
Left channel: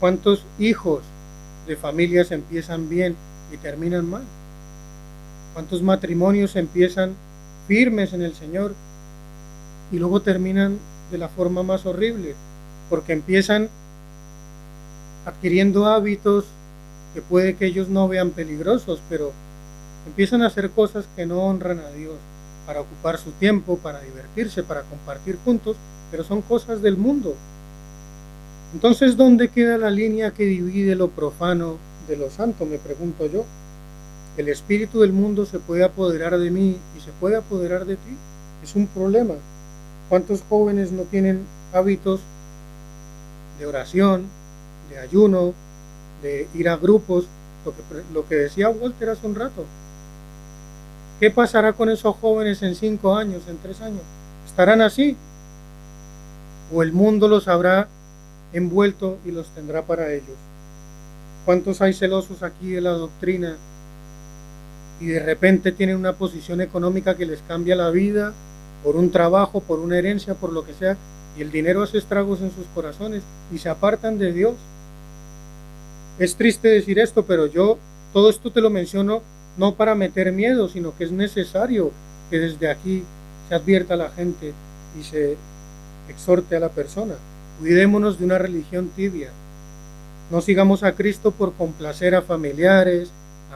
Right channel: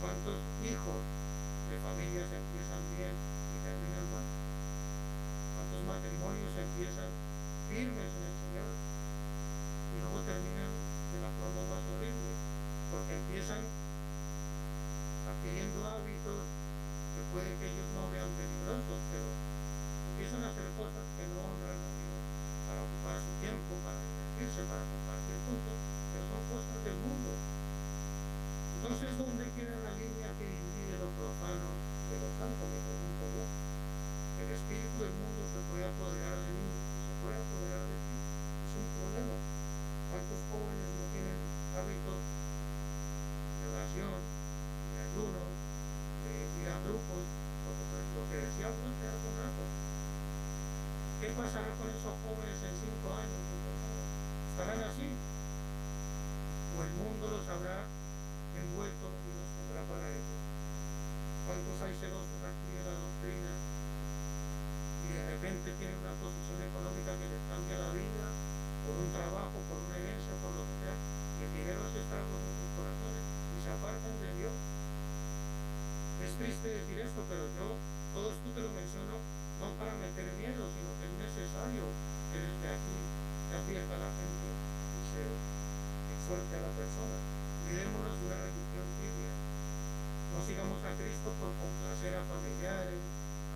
¿Cuántos hijos de familias empiezan bien y terminan mal? ¿Cuántos matrimonios empiezan firmes en el Señor y luego terminan de la forma más horrible? Porque empiezan adquiriendo hábitos que puede que ellos no vean peligrosos, pero empiezan a hacer cosas que no honran a Dios, para ocupar su tiempo, para divertirse, para compartir juntos, pero son cosas del mundo. Entonces, ¿dónde queda la línea que divide lo profano de lo santo? Me pregunto yo. El espíritu del mundo se puede apoderar de mí y se puede apoderar de ti. Es un problema. ¿Cuántos jóvenes no tienen hábitos de oración, de ayuno, de ir a grupos? Lo que decía Walter hace un rato. ¿Qué pasará con esos jóvenes en 5 años, en 3 años? ¿Estarán así? ¿O el mundo los habrá envuelto y los tendrá para ellos? ¿Cuántos hay celosos aquí de la doctrina y de repente tienen una posición económica que les cambia la vida por un trabajo, por una herencia, por lo que sea, y el dinero hace estragos en sus corazones y se apartan de Dios? Es triste decir esto, pero yo todo esto te lo menciono no para meter miedo, sino que es necesario que desde aquí se advierta a la gente y se exhorte a la persona. Cuidémonos de una religión tibia. No sigamos a Cristo por complacer a familiares,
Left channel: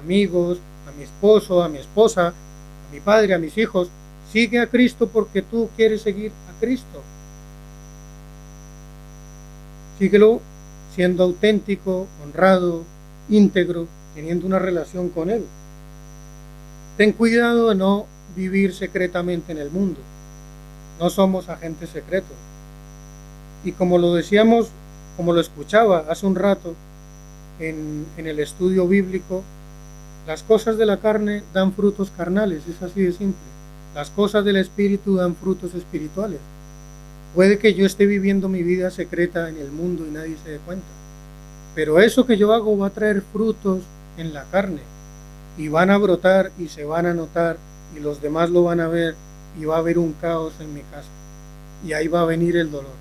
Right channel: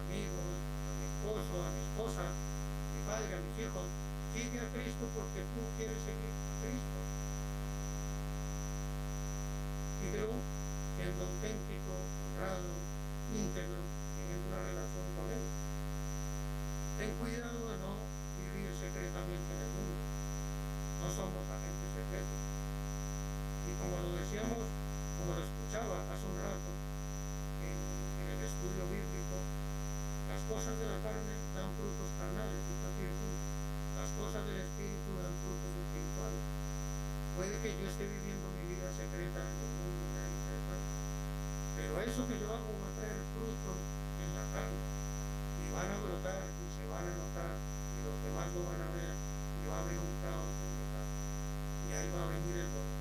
amigos, a mi esposo, a mi esposa, a mi padre, a mis hijos. Sigue a Cristo porque tú quieres seguir a Cristo. Síguelo siendo auténtico, honrado, íntegro, teniendo una relación con Él. Ten cuidado de no vivir secretamente en el mundo. No somos agentes secretos. Y como lo decíamos, como lo escuchaba hace un rato en el estudio bíblico, las cosas de la carne dan frutos carnales, es así de simple. Las cosas del espíritu dan frutos espirituales. Puede que yo esté viviendo mi vida secreta en el mundo y nadie se dé cuenta, pero eso que yo hago va a traer frutos en la carne y van a brotar y se van a notar y los demás lo van a ver y va a haber un caos en mi casa y ahí va a venir el dolor.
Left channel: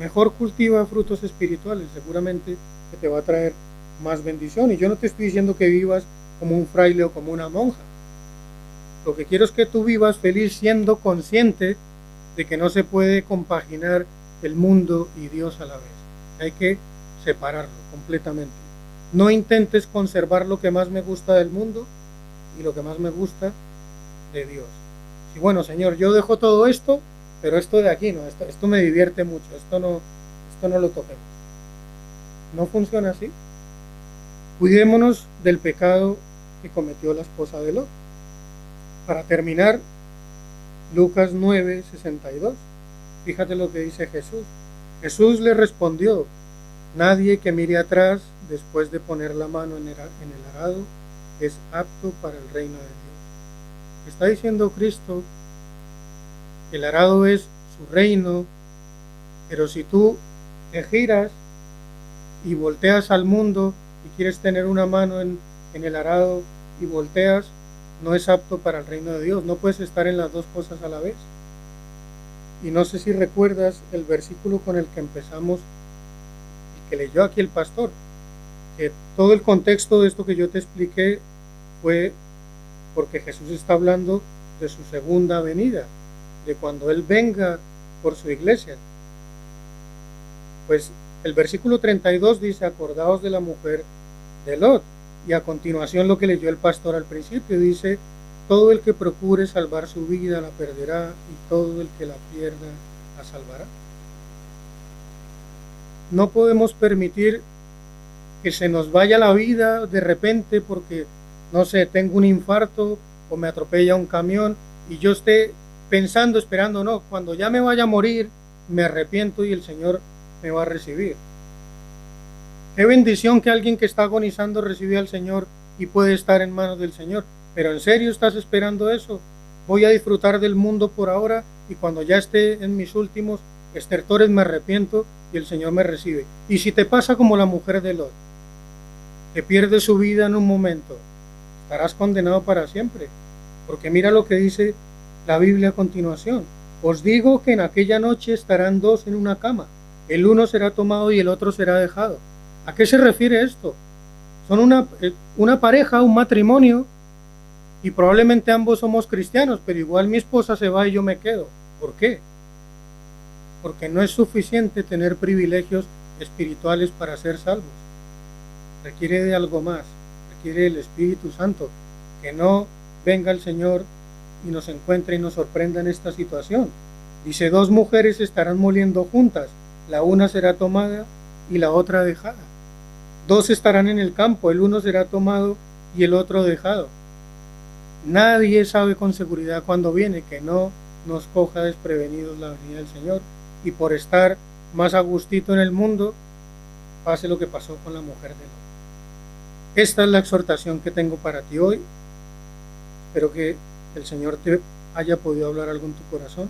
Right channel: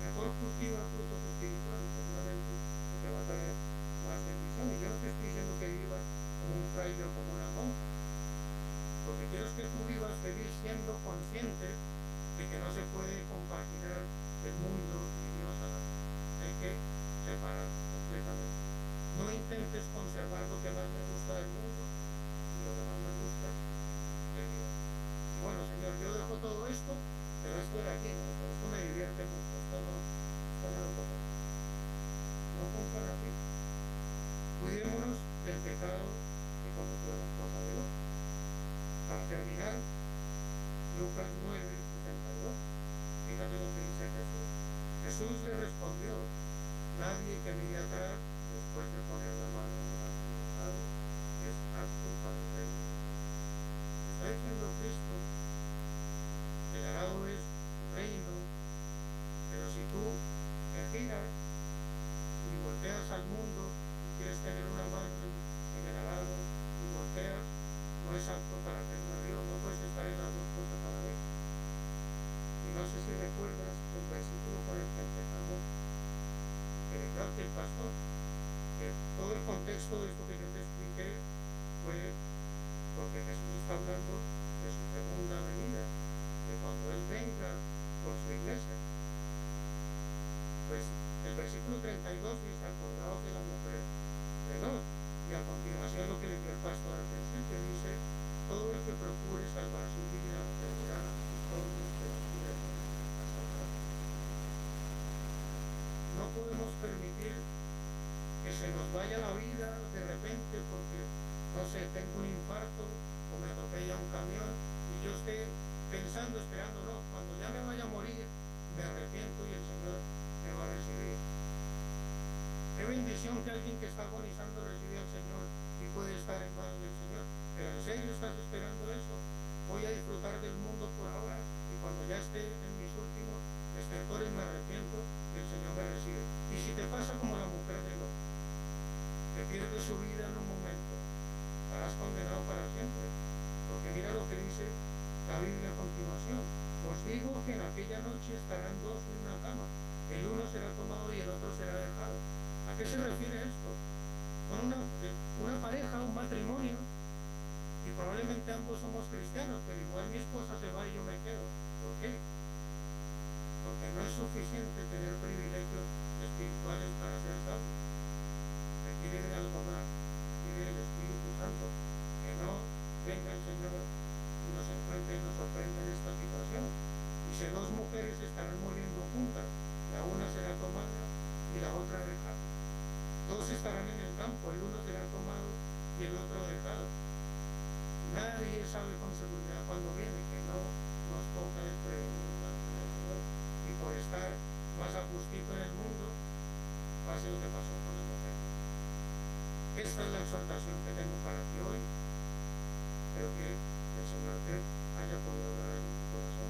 Mejor cultiva frutos espirituales, seguramente que te va a traer más bendición. Y yo no te estoy diciendo que vivas como un fraile o como una monja. Lo que quiero es que tú vivas feliz siendo consciente de que no se puede compaginar el mundo y Dios a la vez. Hay que separarlo completamente. No intentes conservar lo que más me gusta del mundo y lo que más me gusta de Dios. Y bueno, Señor, yo dejo todo esto, pero esto de aquí no, esto me divierte mucho, esto no lo toquemos. No funciona así. Cuidémonos del pecado que cometió la esposa de Lot. Para terminar, Lucas 9:62. Fíjate lo que dice Jesús. Jesús le respondió: nadie que mire atrás después de poner la mano en el arado es apto para el reino de Dios. Está diciendo Cristo que el arado es su reino, pero si tú te giras y volteas al mundo y quieres tener una mano en el arado y volteas, no es apto para el reino de Dios. No puedes estar en las dos cosas a la vez. Y no sé si recuerdas el versículo con el que empezamos y que leyó aquí el pastor, que todo el contexto de esto que yo te expliqué fue porque Jesús está hablando de su segunda venida, de cuando Él venga por su iglesia. Pues el versículo 32 dice: acordaos de la mujer de Lot. Y a continuación lo que leyó el pastor al principio dice, todo el que procure salvar su vida la perderá y todo el que la pierda la salvará. No podemos permitir que se nos vaya la vida de repente porque, no sé, tengo un infarto o me atropella un camión y yo esté pensando, esperando, no, cuando ya me vaya a morir, me arrepiento y el Señor me va a recibir. Qué bendición que alguien que está agonizando recibe al Señor y puede estar en manos del Señor. Pero ¿en serio estás esperando eso? Voy a disfrutar del mundo por ahora y cuando ya esté en mis últimos estertores me arrepiento y el Señor me recibe. Y si te pasa como la mujer de Lot, que pierde su vida en un momento, estarás condenado para siempre. Porque mira lo que dice la Biblia a continuación. Os digo que en aquella noche estarán dos en una cama. El uno será tomado y el otro será dejado. ¿A qué se refiere esto? Son una pareja, un matrimonio, y probablemente ambos somos cristianos, pero igual mi esposa se va y yo me quedo. ¿Por qué? Porque no es suficiente tener privilegios espirituales para ser salvos. Requiere de algo más, requiere del Espíritu Santo, que no venga el Señor y nos encuentre y nos sorprenda en esta situación. Dice, dos mujeres estarán moliendo juntas, la una será tomada y la otra dejada. Dos estarán en el campo, el uno será tomado y el otro dejado. Nadie sabe con seguridad cuándo viene, que no nos coja desprevenidos la venida del Señor. Y por estar más a gustito en el mundo, pase lo que pasó con la mujer de Lot. Esta es la exhortación que tengo para ti hoy. Espero que el Señor te haya podido hablar algo en tu corazón.